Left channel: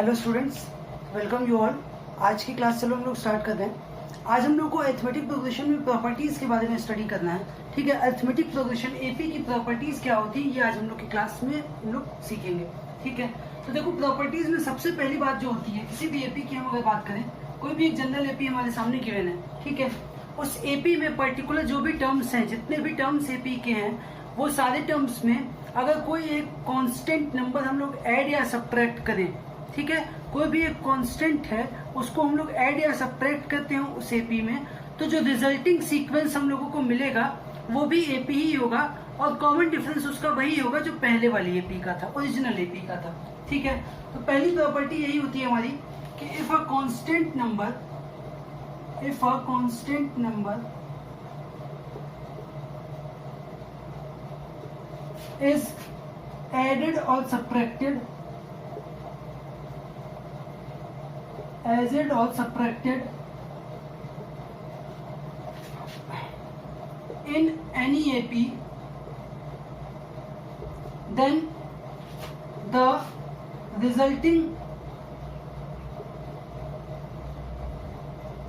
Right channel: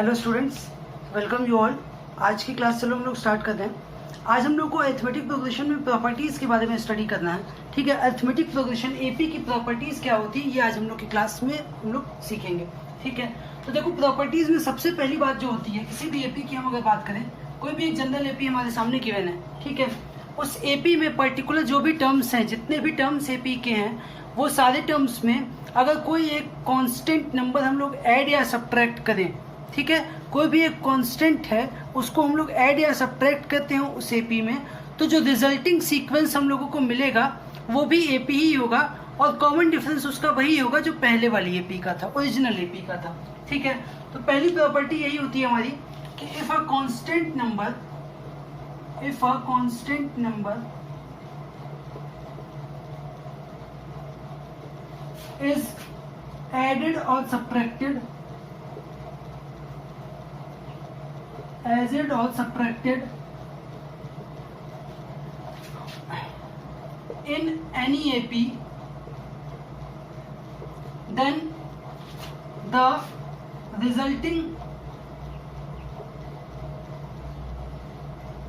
Hello students, welcome you all. आज की class चलो हम लोग स्टार्ट करते हैं। आज हम लोग को अरिथमेटिक प्रोग्रेशन में प्रॉपर्टीज के बारे में स्टडी करना है। ठीक है, अरिथमेटिक प्रोग्रेशन एपी की प्रॉपर्टीज क्या होती है ये आज हम लोग की क्लास में हम लोग सीखेंगे। ठीक है, तो देखो प्रॉपर्टीज में सबसे पहली बात जो होती है, किसी भी एपी की हम अगर बात करें, कोई भी एक जनरल एपी हमारे सामने गिवन है, ठीक है, उस एपी में पर्टिकुलर जो भी टर्म्स हैं, जितने भी टर्म्स एपी के हैं, वो सारे टर्म्स में अगर कोई एक कांस्टेंट नंबर हम लोग ऐड या सब्ट्रैक्ट करें, ठीक है, कोई भी एक कांस्टेंट है उसको हम लोग ऐड या सब्ट्रैक्ट करते हैं उस एपी में, तो जो रिजल्टिंग सीक्वेंस हम लोगों को मिलेगा वो भी एपी ही होगा और कॉमन डिफरेंस उसका वही होगा जो पहले वाली एपी का था, ओरिजिनल एपी का था। ठीक है, तो पहली प्रॉपर्टी यही होती है हमारी कि if a constant number is added or subtracted in any AP, then the resulting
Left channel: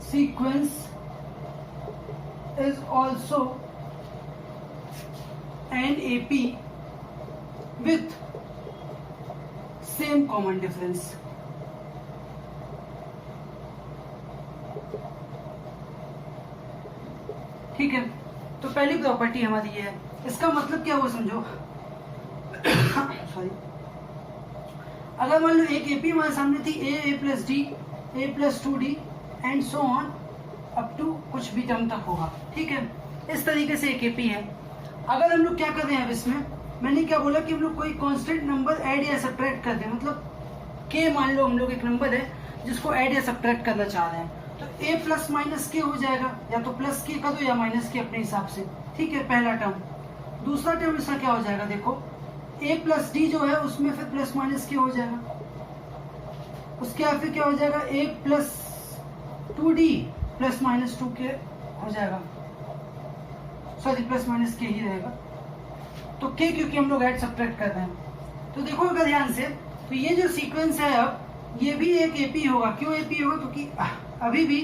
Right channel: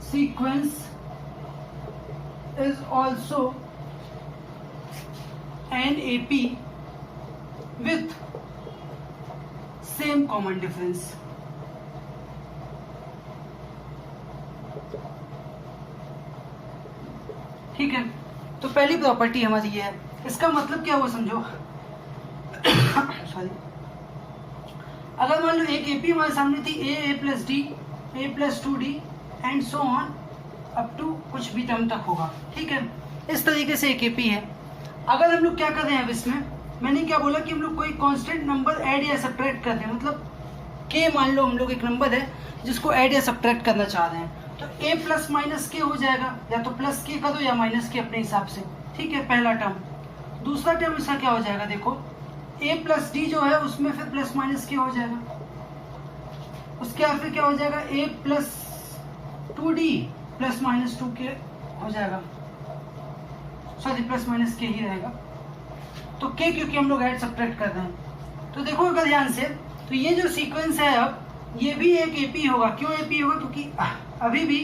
sequence is also an AP with same common difference। ठीक है, तो पहली प्रॉपर्टी हमारी ये है। इसका मतलब क्या हुआ समझो। सॉरी, अगर मान लो एक एपी हमारे सामने थी A plus D, A plus 2d and so on up to कुछ भी टर्म तक होगा। ठीक है, इस तरीके से एक एपी है। अगर हम लोग क्या कर रहे हैं अब इसमें, मैंने क्या बोला कि हम लोग कोई कांस्टेंट नंबर ऐड या सब्ट्रैक्ट कर रहे हैं, मतलब के मान लो हम लोग एक नंबर है जिसको ऐड या सब्ट्रैक्ट करना चाह रहे हैं, तो a प्लस माइनस के हो जाएगा, या तो प्लस के कर दो या माइनस के अपने हिसाब से। ठीक है, पहला टर्म। दूसरा टर्म इसका क्या हो जाएगा, देखो a प्लस डी जो है उसमें फिर प्लस माइनस के हो जाएगा, उसके बाद फिर क्या हो जाएगा a plus 2d plus minus 2 के हो जाएगा, सॉरी प्लस माइनस के ही रहेगा, तो के क्योंकि हम लोग ऐड सब्ट्रैक्ट कर रहे हैं। तो देखो अगर ध्यान से, तो ये जो सीक्वेंस है अब ये भी एक एपी होगा। क्यों एपी होगा, क्योंकि अभी भी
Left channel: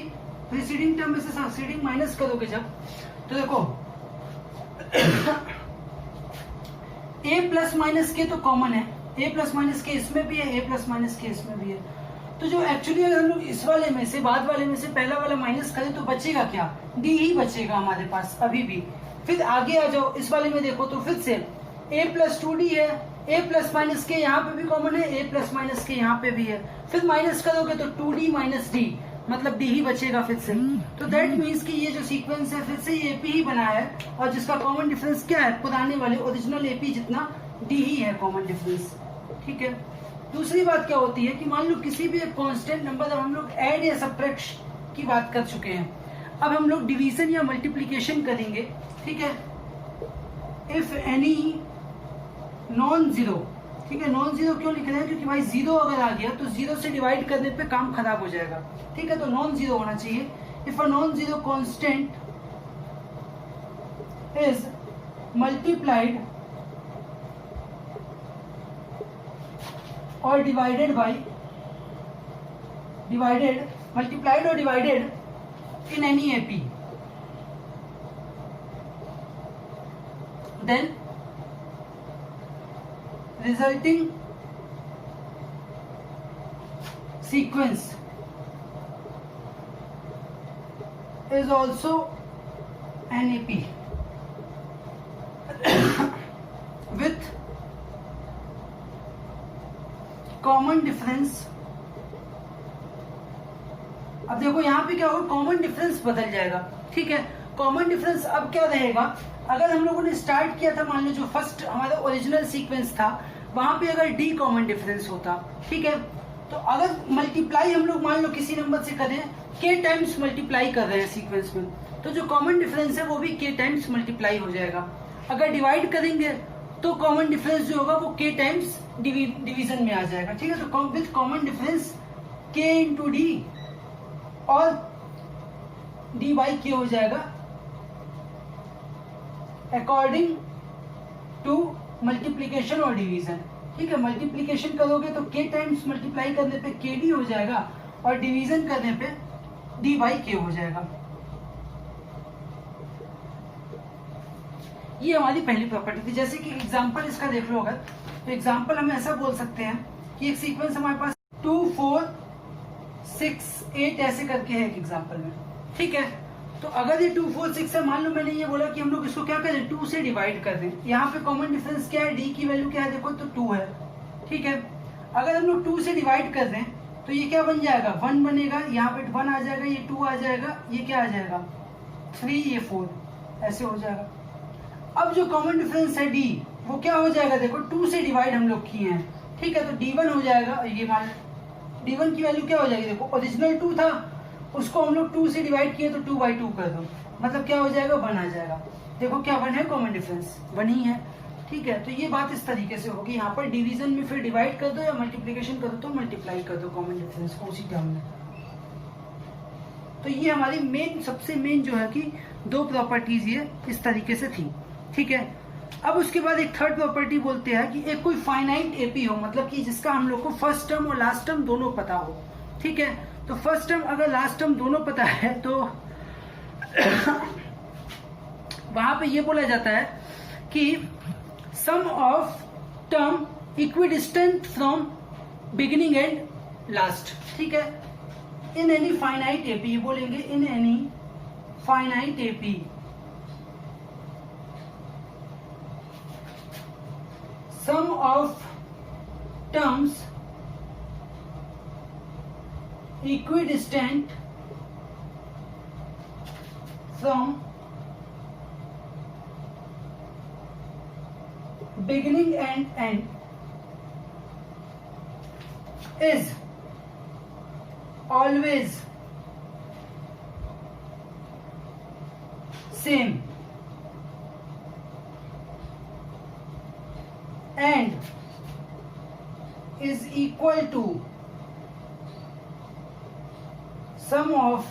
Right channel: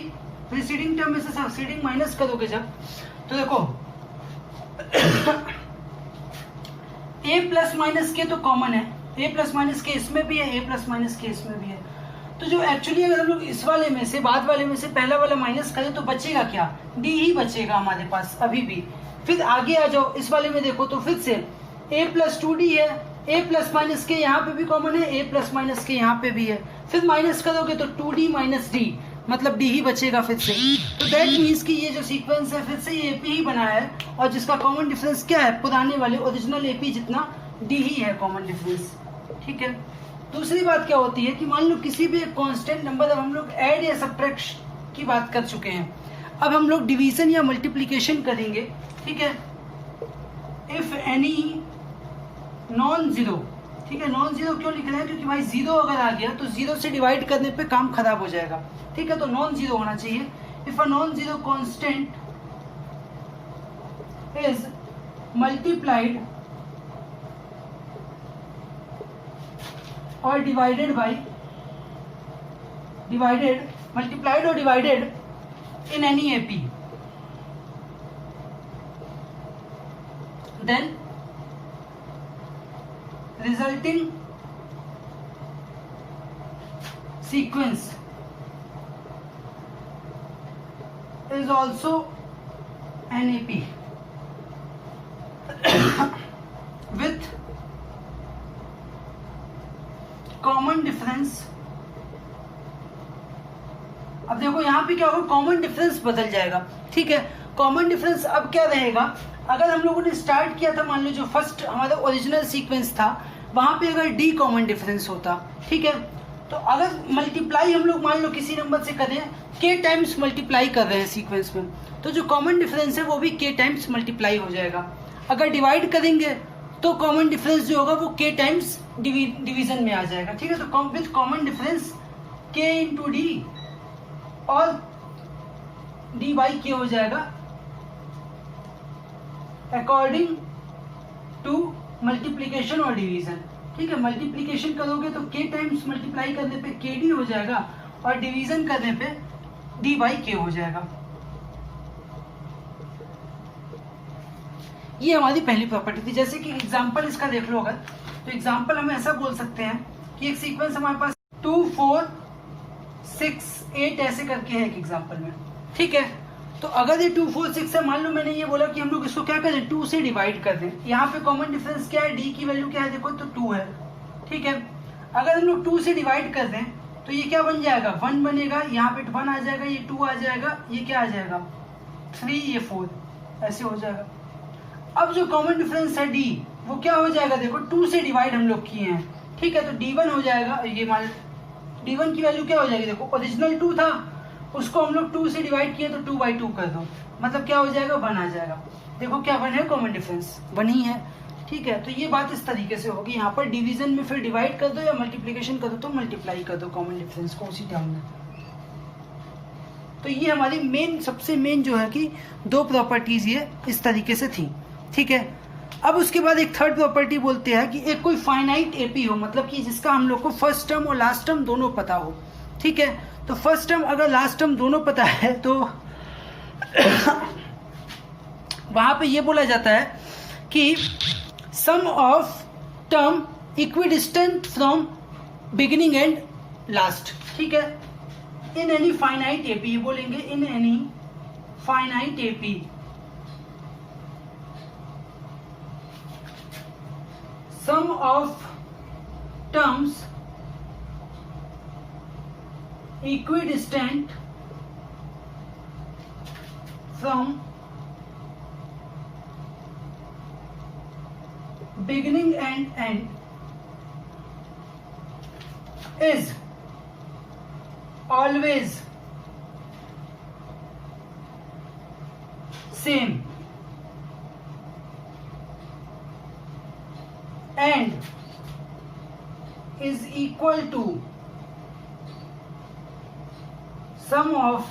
प्रीसीडिंग टर्म में से सक्सीडिंग माइनस करोगे जब, तो देखो ए प्लस माइनस के तो कॉमन है, ए प्लस माइनस के इसमें भी है, ए प्लस माइनस के इसमें भी है, तो जो एक्चुअली अगर हम लोग इस वाले में से बाद वाले में से पहला वाला माइनस करें तो बचेगा क्या, डी ही बचेगा हमारे पास अभी भी। फिर आगे आ जाओ, इस वाले में देखो तो फिर से a प्लस 2d है, a प्लस माइनस के यहाँ पे भी कॉमन है, a प्लस माइनस के यहाँ पे भी है, फिर माइनस करोगे तो 2d माइनस d, मतलब d ही बचेगा फिर से। तो दैट मीन्स कि ये जो सीक्वेंस है फिर से ये AP ही बना है, और जिसका कॉमन डिफरेंस क्या है, पुराने वाले ओरिजिनल AP जितना d ही है कॉमन डिफरेंस। ठीक है, दूसरी बात क्या होती है कि मान लो किसी भी एक कांस्टेंट नंबर, अब हम लोग ऐड या सब्ट्रैक्शन की बात कर चुके हैं, अब हम लोग डिवीजन या मल्टीप्लीकेशन करेंगे। ठीक है, इफ एनी नॉन जीरो, ठीक है, नॉन जीरो क्यों लिख रहे हैं, क्योंकि भाई जीरो अगर आ गया तो जीरो से डिवाइड करने पे काम खराब हो जाएगा। ठीक है, तो नॉन जीरो होना चाहिए। If a non zero constant is multiplied और डिवाइडेड बाई मल्टीप्लाइड और divided in any AP, then resulting sequence is also an AP with common difference। अब देखो यहाँ पे क्या होगा, कॉमन डिफरेंस बदल जाएगा। ठीक है, कॉमन डिफरेंस अब क्या रहेगा, अगर हम लोगों ने स्टार्ट किया था, मान लो जो फर्स्ट हमारा ओरिजिनल सीक्वेंस था वहां पे अगर डी कॉमन डिफरेंस होता, ठीक है, तो अगर मल्टीप्लाई हम लोग मान लो किसी नंबर से करें, के टाइम्स मल्टीप्लाई कर रहे हैं सीक्वेंस में, तो जो कॉमन डिफरेंस है वो भी के टाइम्स मल्टीप्लाई हो जाएगा। अगर डिवाइड करेंगे तो कॉमन डिफरेंस जो होगा वो के टाइम्स डिवीजन में आ जाएगा। ठीक है, तो विद कॉमन डिफरेंस के इंटू डी और डी बाई के हो जाएगा अकॉर्डिंग टू मल्टीप्लीकेशन और डिवीजन। ठीक है, मल्टीप्लीकेशन करोगे तो k टाइम्स मल्टीप्लाई करने पे kd हो जाएगा और डिवीजन करने पे d बाई k हो जाएगा। ये हमारी पहली प्रॉपर्टी थी। जैसे कि एग्जांपल इसका देख लो, अगर तो एग्जांपल हम ऐसा बोल सकते हैं कि एक सीक्वेंस हमारे पास 2 4 6 8 ऐसे करके है एक एग्जांपल में, ठीक है। तो अगर ये 2 4 6 है, मान लो मैंने ये बोला कि हम लोग इसको क्या करें, 2 से डिवाइड कर दें। यहाँ पे कॉमन डिफरेंस क्या है, d की वैल्यू क्या है देखो, तो 2 है, ठीक है। अगर हम लोग 2 से डिवाइड कर दें तो ये क्या बन जाएगा, 1 बनेगा, यहाँ पे 1 आ जाएगा, ये 2 आ जाएगा, ये क्या आ जाएगा 3, ये 4, ऐसे हो जाएगा। अब जो कॉमन डिफरेंस है d, वो क्या हो जाएगा देखो, 2 से डिवाइड हम लोग किए हैं, ठीक है। तो d1 हो जाएगा, ये मान d1 की वैल्यू क्या हो जाएगी देखो, ओरिजिनल 2 था, उसको हम लोग 2 से डिवाइड किए तो 2/2 कर दो, मतलब क्या हो जाएगा 1 आ जाएगा। देखो क्या 1 है, कॉमन डिफरेंस 1 ही है, ठीक है। तो ये बात इस तरीके से होगी। यहाँ पर डिवीजन में फिर डिवाइड कर दो या मल्टीप्लीकेशन कर दो तो मल्टीप्लाई कर दो कॉमन डिफरेंस को उसी टर्म में। तो ये हमारी मेन, सबसे मेन जो है कि 2 प्रॉपर्टीज ये इस तरीके से थी, ठीक है। अब उसके बाद एक थर्ड प्रॉपर्टी बोलते हैं कि एक कोई फाइनाइट एपी हो, मतलब कि जिसका हम लोग को फर्स्ट टर्म और लास्ट टर्म दोनों पता हो, ठीक है। तो फर्स्ट टर्म अगर लास्ट टर्म दोनों पता है तो वहां पे ये बोला जाता है कि sum of term equidistant from beginning and last, ठीक है। इन एनी फाइनाइट एपी, ये बोलेंगे in any finite AP sum of terms equidistant from beginning and end is always same and is equal to sum of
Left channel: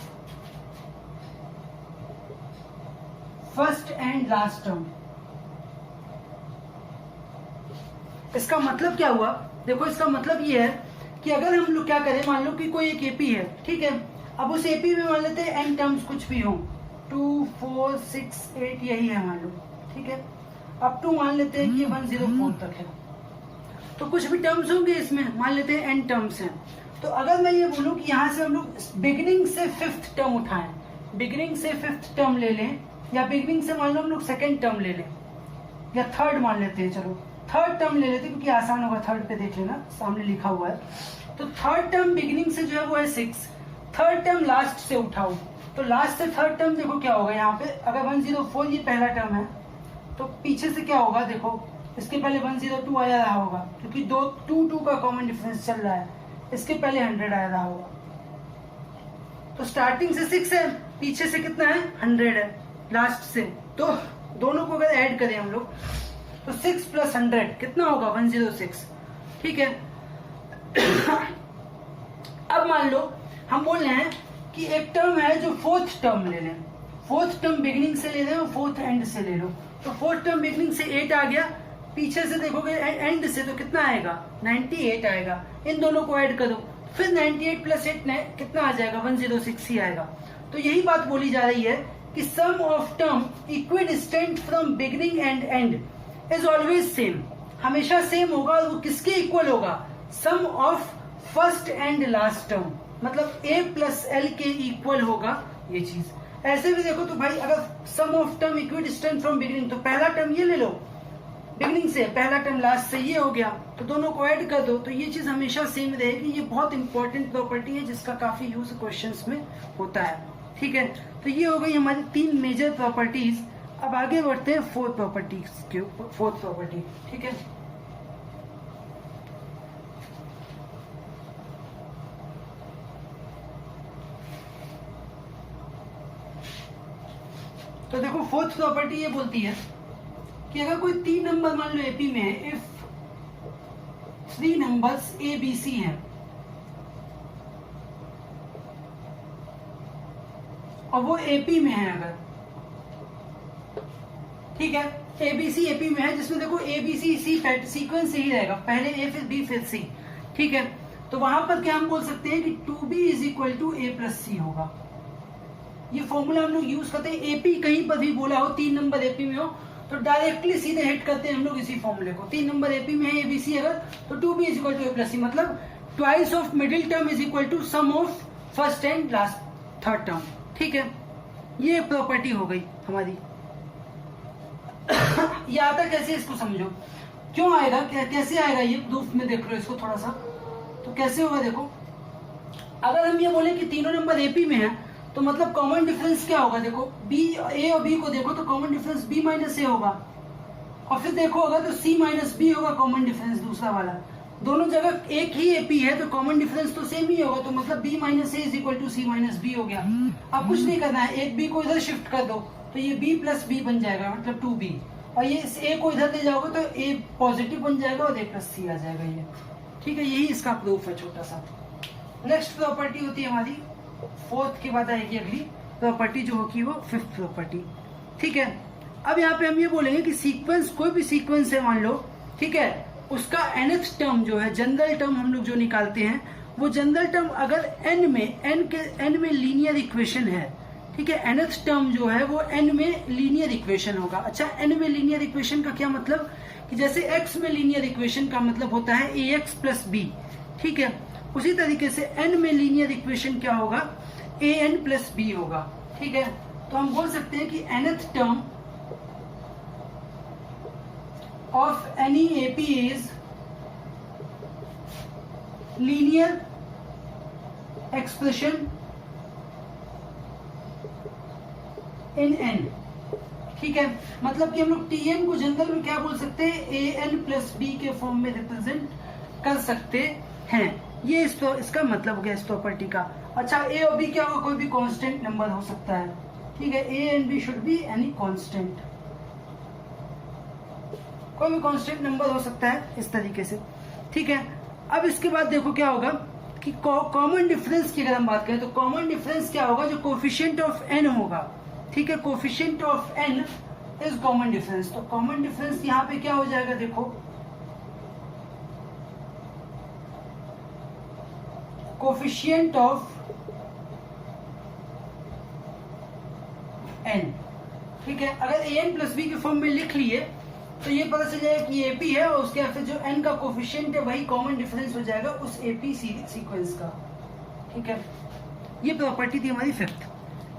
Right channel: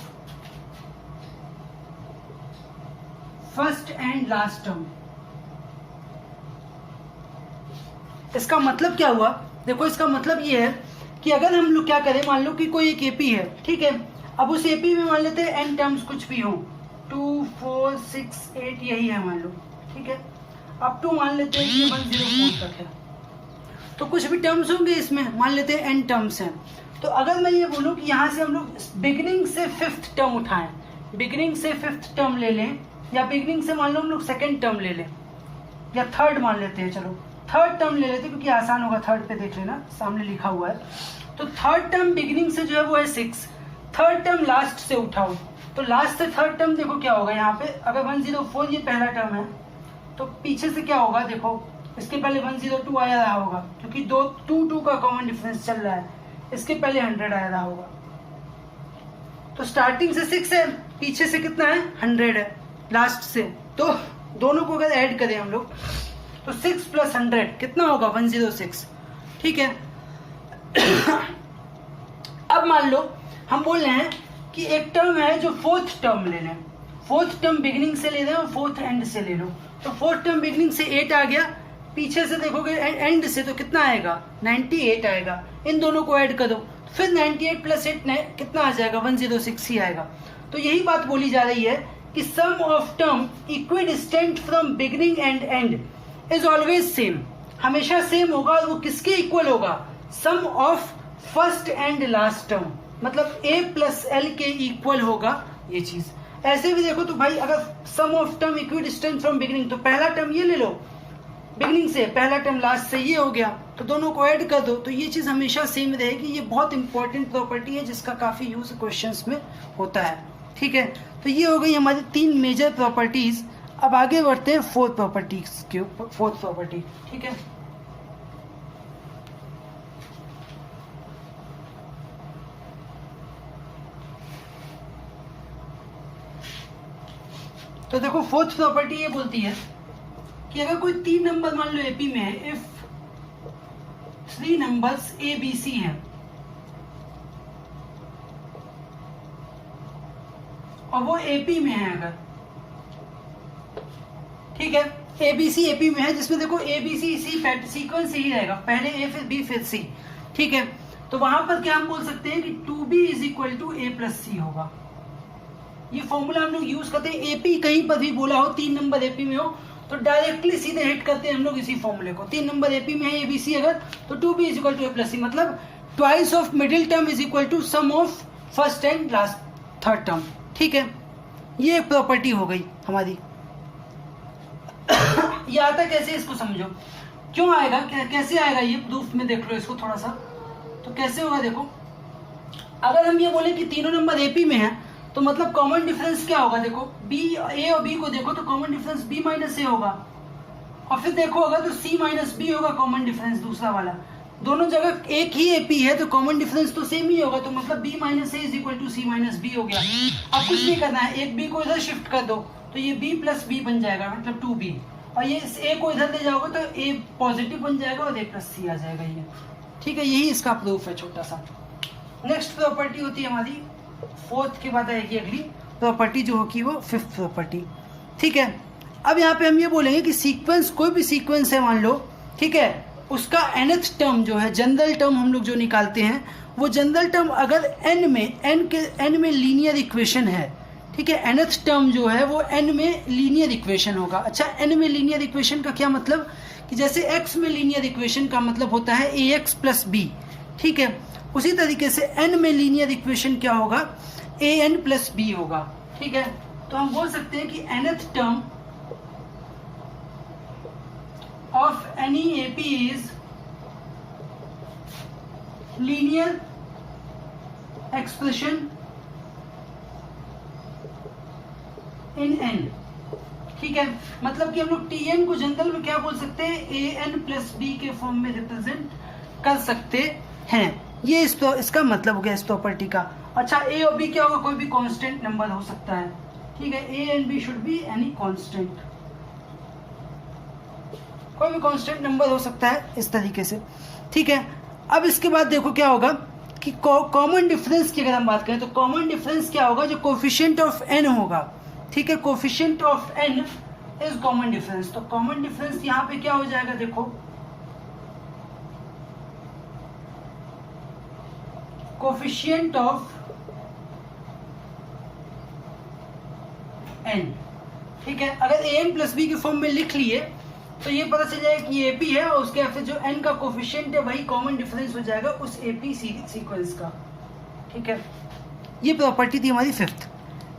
first and last term। इसका मतलब क्या हुआ, देखो इसका मतलब ये है कि अगर हम लोग क्या करें, मान लो कि कोई एक एपी है, ठीक है। अब उस एपी में मान लेते हैं n टर्म्स कुछ भी हो, 2 4 6 8 यही है मान लो, ठीक है। अब टू मान लेते हैं कि 104 तक है, तो कुछ भी टर्म्स होंगे इसमें, मान लेते हैं n टर्म्स हैं। तो अगर मैं ये बोलूं कि यहाँ से हम लोग बिगिनिंग से 5th टर्म उठाएं, बिगिनिंग से 5th टर्म ले लें, या बिगिनिंग से मान लो हम लोग 2nd टर्म ले लें, या 3rd मान लेते हैं, चलो 3rd टर्म ले लेते हैं क्योंकि आसान होगा, 3rd पे देख लेना सामने लिखा हुआ है। तो 3rd टर्म बिगिनिंग से जो है वो है 6, 3rd टर्म लास्ट से उठाओ, तो लास्ट से 3rd टर्म देखो क्या होगा, यहाँ पे अगर 104 ये पहला टर्म है तो पीछे से क्या होगा देखो, इसके पहले 102 आया रहा होगा क्योंकि 2 का कॉमन डिफरेंस चल रहा है, इसके पहले 100 आया रहा होगा। तो स्टार्टिंग से 6 है, पीछे से कितना है 100 है लास्ट से, तो दोनों को अगर ऐड करें हम लोग तो 6 + 100 कितना होगा 106, ठीक है। अब मान लो हम बोल रहे हैं कि एक टर्म है जो 4th टर्म ले लें, 4th टर्म बिगिनिंग से ले लें और 4th एंड से ले लो। तो 4th टर्म बिगिनिंग से 8 आ गया, पीछे से देखोगे एंड से तो कितना आएगा 98 आएगा, इन दोनों को ऐड करो, फिर 98 + 8 कितना आ जाएगा 106 ही आएगा। तो यही बात बोली जा रही है कि sum of term equidistant from beginning and end is always same, हमेशा सेम होगा, और वो किसके इक्वल होगा, sum of first and last term, मतलब a + l के इक्वल होगा ये चीज। ऐसे भी देखो तो भाई अगर sum of term equidistant from beginning, तो पहला टर्म ये ले लो बिगिनिंग से, पहला टर्म लास्ट से, ये हो गया, तो दोनों को ऐड कर दो, तो ये चीज हमेशा सेम रहेगी। ये बहुत इंपॉर्टेंट प्रॉपर्टी है जिसका काफी यूज क्वेश्चंस में होता है, ठीक है। तो ये हो गई हमारी 3 मेजर प्रॉपर्टीज। अब आगे बढ़ते हैं 4th प्रॉपर्टीज के ऊपर, 4th प्रॉपर्टी, ठीक है। तो देखो 4th प्रॉपर्टी ये बोलती है कि अगर कोई 3 नंबर मान लो एपी में है, if 3 numbers A B C हैं और वो एपी में है अगर, ठीक है, ABC AP में है, जिसमें देखो ABC इसी सीक्वेंस से ही रहेगा, पहले A फिर B फिर C, ठीक है। तो वहां पर क्या हम बोल सकते हैं कि 2B is equal to A plus C होगा। ये फॉर्मूला हम लोग यूज करते हैं, एपी कहीं पर भी बोला हो, 3 नंबर एपी में हो तो डायरेक्टली सीधे हिट करते हैं हम लोग इसी फॉर्मूले को। 3 नंबर एपी में है एबीसी अगर, तो 2B is equal to A plus C, मतलब twice of middle term is equal to sum of first and last third term, ठीक है। ये प्रॉपर्टी हो गई हमारी। ये आता कैसे, इसको समझो, क्यों आएगा, कैसे आएगा ये प्रूफ में, देख लो इसको थोड़ा सा। तो कैसे होगा देखो, अगर हम ये बोले कि तीनों नंबर एपी में है तो मतलब कॉमन डिफरेंस क्या होगा, देखो बी, ए और बी को देखो तो common difference B minus A होगा, और फिर देखो अगर तो सी माइनस बी होगा कॉमन डिफरेंस दूसरा वाला। दोनों जगह एक ही एपी है तो कॉमन डिफरेंस तो सेम ही होगा, तो मतलब B minus A is equal to C minus B हो गया। अब कुछ नहीं करना है, एक बी को इधर शिफ्ट कर दो तो ये बी प्लस बी बन जाएगा, मतलब 2B, और ये ए को इधर ले जाओगे तो ए पॉजिटिव बन जाएगा और ए प्लस सी आ जाएगा ये, ठीक है। यही इसका प्रूफ है छोटा सा। नेक्स्ट प्रॉपर्टी होती है हमारी, फोर्थ के बाद आएगी अगली प्रॉपर्टी जो होगी वो फिफ्थ प्रॉपर्टी, ठीक है। अब यहाँ पे हम ये बोलेंगे कि सीक्वेंस, कोई भी सीक्वेंस है मान लो, ठीक है, उसका nth टर्म जो है, जनरल टर्म हम लोग जो निकालते हैं, वो जनरल टर्म अगर n में लीनियर इक्वेशन है, ठीक है, nth टर्म जो है वो n में लीनियर इक्वेशन होगा। अच्छा, n में लीनियर इक्वेशन का क्या मतलब, कि जैसे x में लीनियर इक्वेशन का मतलब होता है ax प्लस b, ठीक है, उसी तरीके से n में लीनियर इक्वेशन क्या होगा, an प्लस b होगा, ठीक है। तो हम बोल सकते हैं कि nth term of any AP is linear expression in n, ठीक है। मतलब कि हम लोग Tn को जनरल में क्या बोल सकते हैं, an प्लस b के फॉर्म में रिप्रेजेंट कर सकते हैं। ये इसका मतलब हो गया इस प्रॉपर्टी का। अच्छा, a और b क्या होगा, कोई भी कांस्टेंट नंबर हो सकता है, ठीक है। a and b should be any constant, कोई भी कांस्टेंट नंबर हो सकता है इस तरीके से, ठीक है। अब इसके बाद देखो क्या होगा कि कॉमन डिफरेंस की अगर हम बात करें तो कॉमन डिफरेंस क्या होगा, जो कोफिशिएंट ऑफ n होगा, ठीक है, coefficient of n is common difference. तो कॉमन डिफरेंस यहाँ पे क्या हो जाएगा, देखो कोफिशिएंट ऑफ n, ठीक है। अगर an प्लस b की फॉर्म में लिख लिए तो ये पता चल जाएगा कि एपी है और उसके फिर जो n का कोफिशिएंट है वही कॉमन डिफरेंस हो जाएगा उस एपी सीक्वेंस का, ठीक है। ये प्रॉपर्टी थी हमारी फिफ्थ।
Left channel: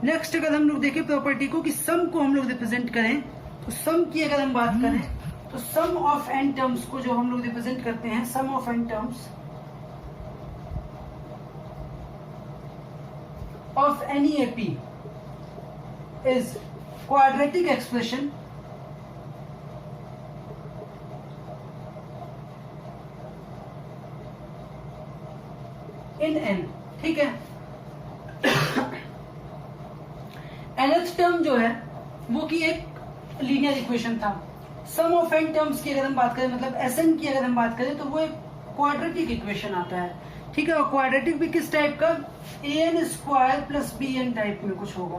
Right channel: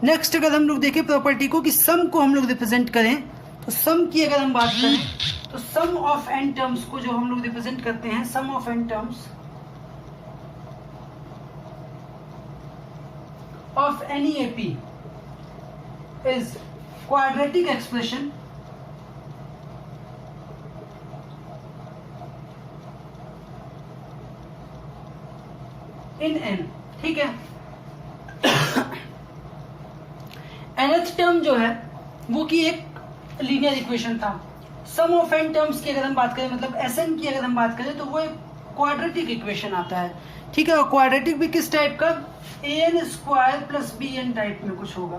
नेक्स्ट अगर हम लोग देखें प्रॉपर्टी को कि सम को हम लोग रिप्रेजेंट करें, तो सम की अगर हम बात करें तो सम ऑफ n टर्म्स को जो हम लोग रिप्रेजेंट करते हैं, sum of n terms of any AP is quadratic expression in n, ठीक है। nth टर्म जो है वो की एक लीनियर इक्वेशन था। सम ऑफ n टर्म्स की अगर हम बात करें, मतलब Sn की अगर हम बात करें तो वो एक क्वाड्रेटिक इक्वेशन आता है, ठीक है। और क्वाड्रेटिक भी किस टाइप का, an square plus bn type में कुछ होगा,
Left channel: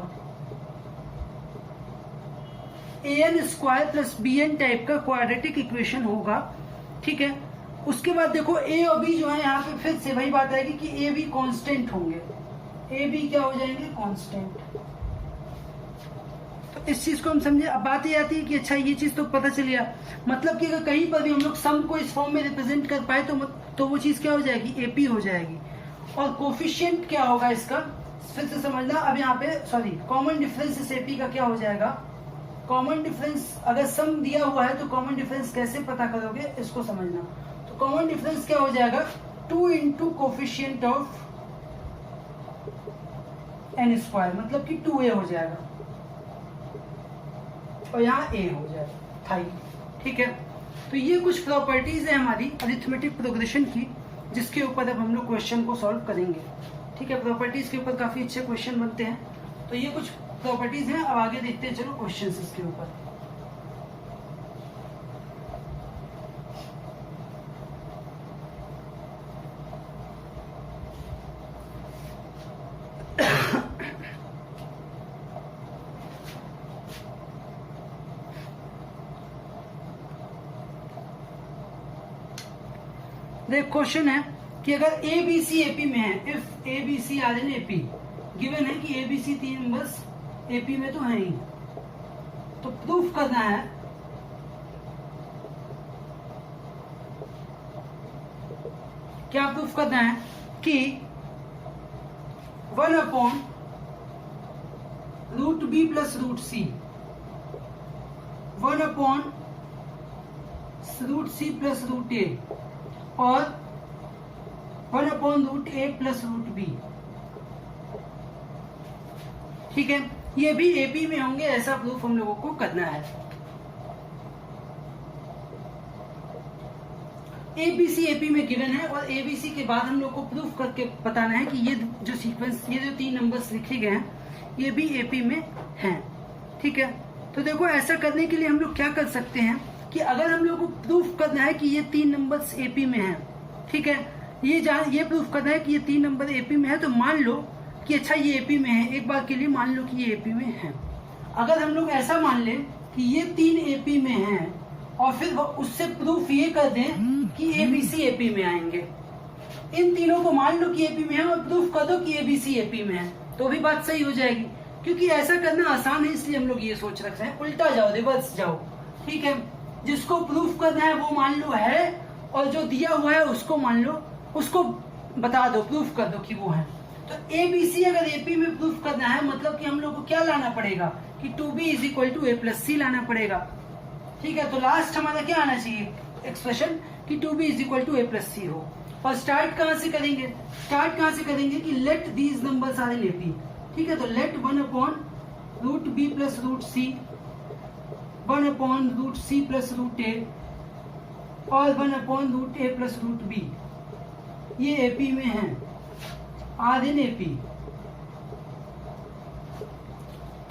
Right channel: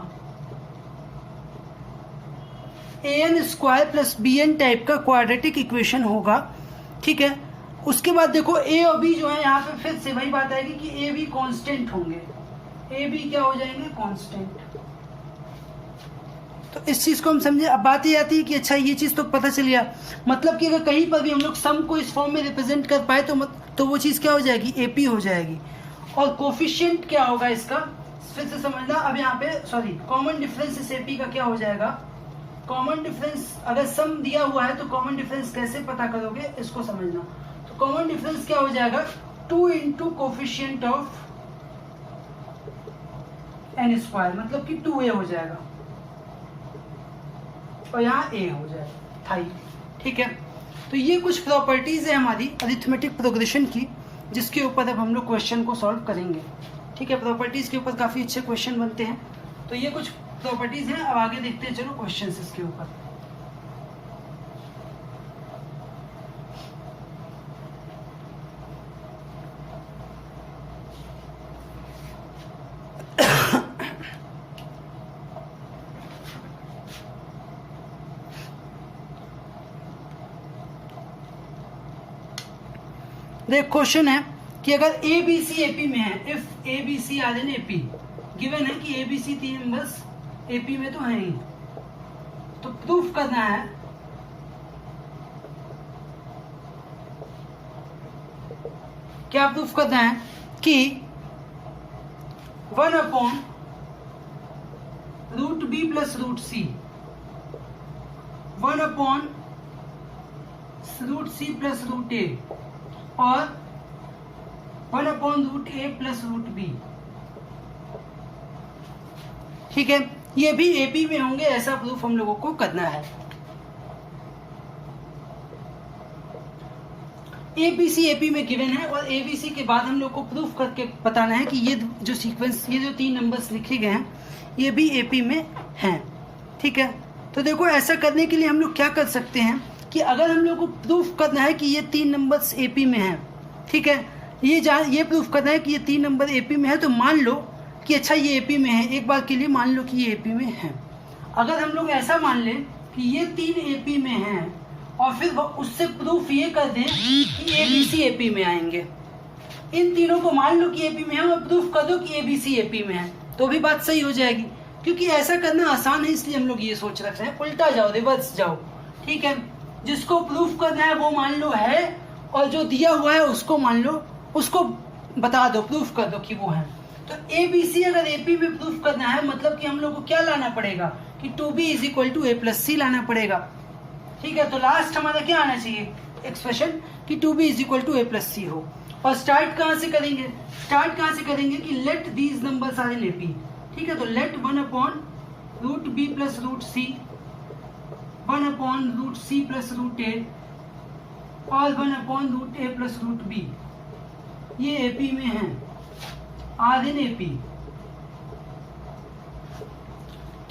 an square plus bn type का क्वाड्रेटिक इक्वेशन होगा, ठीक है। उसके बाद देखो a और b जो है यहाँ पे फिर से वही बात आएगी कि a b कांस्टेंट होंगे, a b क्या हो जाएंगे, कांस्टेंट। तो इस चीज को हम समझे। अब बात ये आती है कि अच्छा ये चीज तो पता चल गया, मतलब कि अगर कहीं पर भी हम लोग सम को इस फॉर्म में रिप्रेजेंट कर पाए तो वो चीज क्या हो जाएगी, एपी हो जाएगी। और कोफिशिएंट क्या होगा इसका, फिर से समझना। अब यहाँ पे सॉरी, कॉमन डिफरेंस इस एपी का क्या हो जाएगा, कॉमन डिफरेंस अगर सम दिया हुआ है तो कॉमन डिफरेंस कैसे पता करोगे इसको समझना। तो कॉमन डिफरेंस क्या हो जाएगा, 2 into coefficient of n square, मतलब कि 2a हो जाएगा और यहाँ a हो जाएगा थाई, ठीक है। तो ये कुछ प्रॉपर्टीज है हमारी अरिथमेटिक प्रोग्रेशन की, जिसके ऊपर अब हम लोग क्वेश्चन को सॉल्व करेंगे, ठीक है। प्रॉपर्टीज के ऊपर काफी अच्छे क्वेश्चन बनते हैं, तो ये कुछ प्रॉपर्टीज हैं। अब आगे देखते हैं चलो क्वेश्चंस इसके ऊपर। देख क्वेश्चन है कि अगर ए बी सी एपी में है, if A B C are in AP, given है कि ए बी सी तीन नंबर्स एपी में तो है ही, तो प्रूफ करना है क्या, प्रूफ करना है कि 1/√b plus √c, 1/√c plus √a और 1/√a प्लस √b, ठीक है, ये भी एपी में होंगे, ऐसा प्रूफ हम लोगों को करना है। एबीसी एपी में गिवन है और एबीसी के बाद हम लोग को प्रूफ करके बताना है कि ये जो सीक्वेंस, ये जो तीन नंबर्स लिखे गए हैं ये भी एपी में हैं, ठीक है। तो देखो ऐसा करने के लिए हम लोग क्या कर सकते हैं कि अगर हम लोग को प्रूफ करना है कि ये तीन नंबर्स एपी में हैं, ठीक है, ये प्रूफ करना है कि ये तीन नंबर एपी में है, तो मान लो कि अच्छा ये एपी में है, एक बार के लिए मान लो कि ये एपी में है। अगर हम लोग ऐसा मान लें कि ये तीन एपी में हैं और फिर उससे प्रूफ ये कर दें कि एबीसी एपी में आएंगे, इन तीनों को मान लो कि एपी में है और प्रूफ कर दो कि एबीसी एपी में है, तो भी बात सही हो जाएगी। क्योंकि ऐसा करना आसान है, इसलिए हम लोग ये सोच रख रहे हैं, उल्टा जाओ, रिवर्स जाओ, ठीक है। जिसको प्रूफ करना है वो मान लो है और जो दिया हुआ है उसको मान लो, उसको बता दो, प्रूफ कर दो कि वो है। तो एबीसी अगर एपी में प्रूफ करना है मतलब कि हम लोग को क्या लाना पड़ेगा कि 2b is equal to a plus c लाना पड़ेगा, ठीक है। तो लास्ट हमारा क्या आना चाहिए एक्सप्रेशन कि 2b is equal to a plus c हो। और स्टार्ट कहां से करेंगे, स्टार्ट कहां से करेंगे कि let these numbers are in AP, ठीक है। तो let 1/√b plus √c, 1/√c plus √a और 1/√a प्लस √b ये एपी में है, आर इन एपी,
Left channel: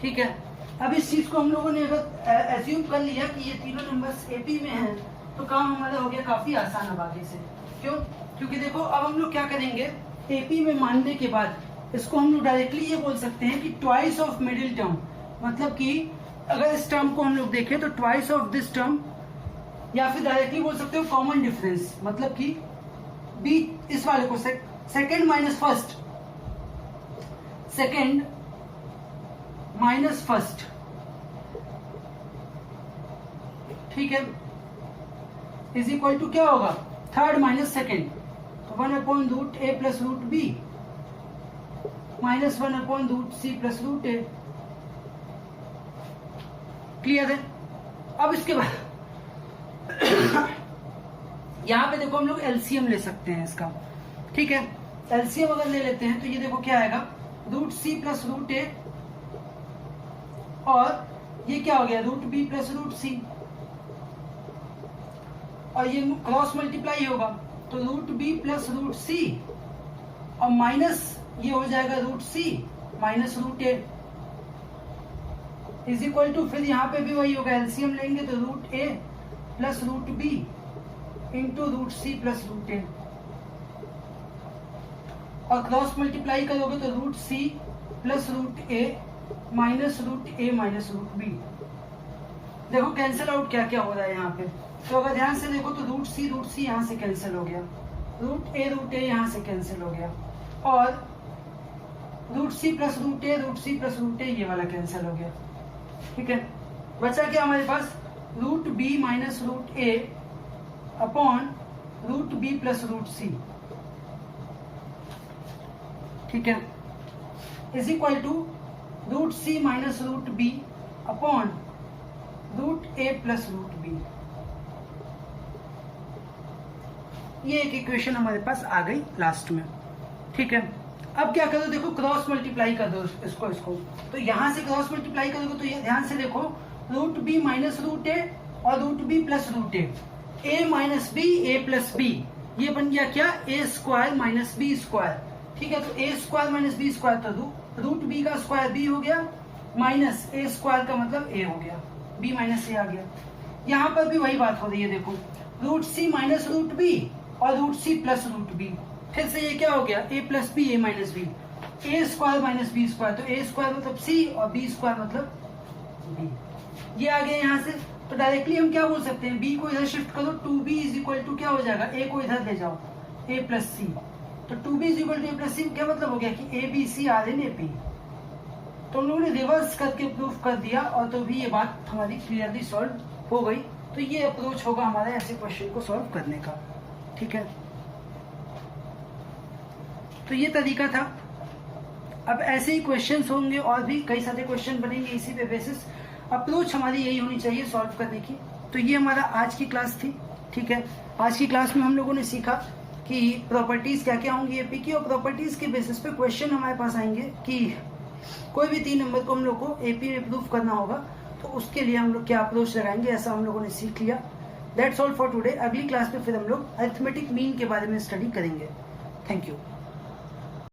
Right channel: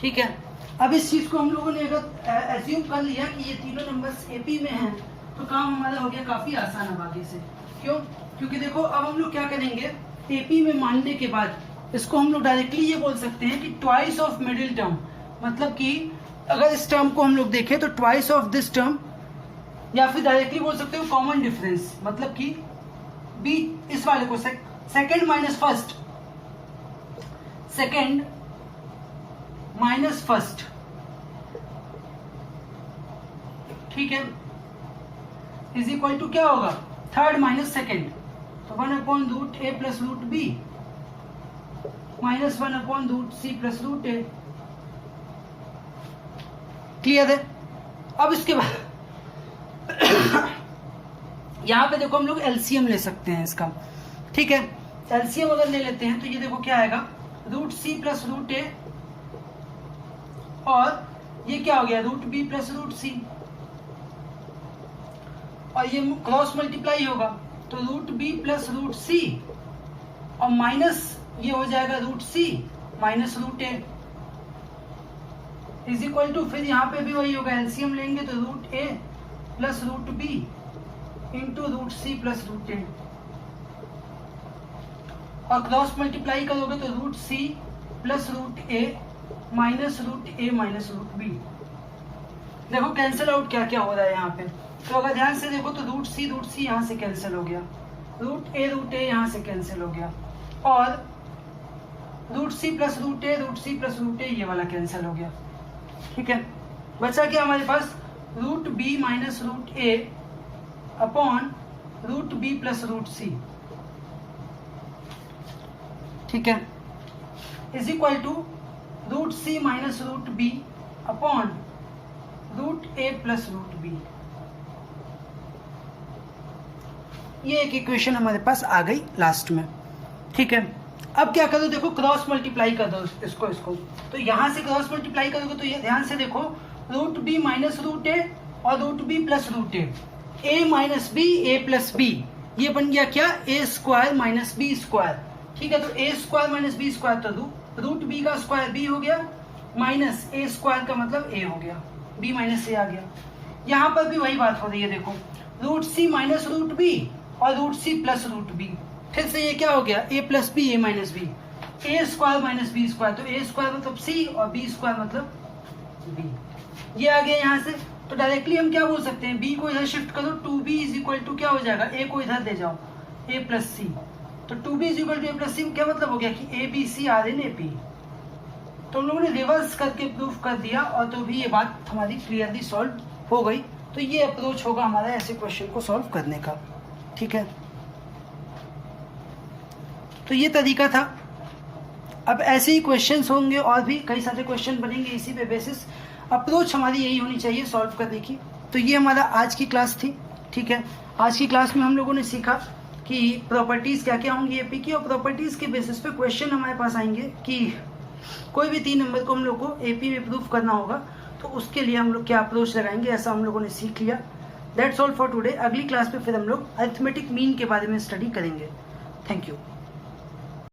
ठीक है। अब इस चीज को हम लोगों ने अगर एज्यूम कर लिया कि ये तीनों नंबर्स एपी में हैं, तो काम हमारा हो गया काफी आसान अब आगे से। क्यों? क्योंकि देखो अब हम लोग क्या करेंगे, एपी में मानने के बाद इसको हम लोग डायरेक्टली ये बोल सकते हैं कि ट्वाइस ऑफ मिडिल टर्म, मतलब कि अगर इस टर्म को हम लोग देखें तो ट्वाइस ऑफ दिस टर्म, या फिर डायरेक्टली बोल सकते हो कॉमन डिफरेंस, मतलब कि बी इस वाले को second minus first, second minus first, ठीक है, इज इक्वल टू क्या होगा, थर्ड माइनस सेकेंड। तो 1/√a plus √b minus 1/√c plus √a, clear है। अब इसके बाद यहां पे देखो हम लोग एलसीएम ले सकते हैं इसका, ठीक है। एलसीएम अगर ले लेते हैं तो ये देखो क्या आएगा, √c प्लस √a और ये क्या हो गया, √b प्लस √c, और ये क्रॉस मल्टीप्लाई होगा तो √b प्लस √c और माइनस ये हो जाएगा √c minus √a is equal to, फिर यहाँ पे भी वही होगा, एलसीएम लेंगे तो √a plus √b into √c plus √a, और क्रॉस मल्टीप्लाई करोगे तो √c plus √a minus √a minus √b। देखो कैंसिल आउट क्या क्या हो रहा है यहाँ पे, तो अगर ध्यान से देखो तो √c यहाँ से कैंसिल हो गया, √a यहाँ से कैंसिल हो गया, और √c प्लस √a ये वाला कैंसिल हो गया, ठीक है। बचा क्या हमारे पास, √b minus √a upon √b plus √c, ठीक है, is equal to √c minus √b upon √a plus √b। ये एक इक्वेशन हमारे पास आ गई लास्ट में, ठीक है। अब क्या करो, देखो क्रॉस मल्टीप्लाई कर दो इसको, तो यहां से क्रॉस मल्टीप्लाई करोगे तो ये ध्यान से देखो, √b माइनस √a और √b plus √a, a minus b a plus b, ये बन गया क्या, a square minus b square, ठीक है। तो a square minus b square तो √b का स्क्वायर b हो गया, माइनस a स्क्वायर का मतलब a हो गया, b माइनस a आ गया। यहाँ पर भी वही बात हो रही है, देखो √c माइनस √b और √c प्लस √b, फिर से ये क्या हो गया, a plus b a minus b, a square minus b square, तो a स्क्वायर मतलब c और b स्क्वायर मतलब b, ये आ गया यहाँ से। तो डायरेक्टली हम क्या बोल सकते हैं, b को इधर शिफ्ट करो, 2b इज इक्वल टू क्या हो जाएगा, a को इधर ले जाओ ए प्लस सी। तो 2b is equal to a plus c क्या मतलब हो गया कि a B C are in AP. तो हम लोगों ने रिवर्स करके प्रूफ कर दिया और तो भी ये बात हमारी क्लियरली सॉल्व हो गई। तो ये अप्रोच होगा हमारा ऐसे क्वेश्चन को सॉल्व करने का, ठीक है। तो ये तरीका था। अब ऐसे ही क्वेश्चंस होंगे और भी कई सारे क्वेश्चन बनेंगे इसी पे बेसिस। अप्रोच हमारी यही होनी चाहिए सॉल्व करने की। तो ये हमारा आज की क्लास थी, ठीक है। आज की क्लास में हम लोगों ने सीखा कि प्रॉपर्टीज क्या क्या होंगी एपी की, और प्रॉपर्टीज के बेसिस पे क्वेश्चन हमारे पास आएंगे कि कोई भी 3 नंबर को हम लोग को एपी में प्रूफ करना होगा तो उसके लिए हम लोग क्या अप्रोच लगाएंगे, ऐसा हम लोगों ने सीख लिया। That's all for today. अगली क्लास में फिर हम लोग अरिथमेटिक मीन के बारे में स्टडी करेंगे। Thank you.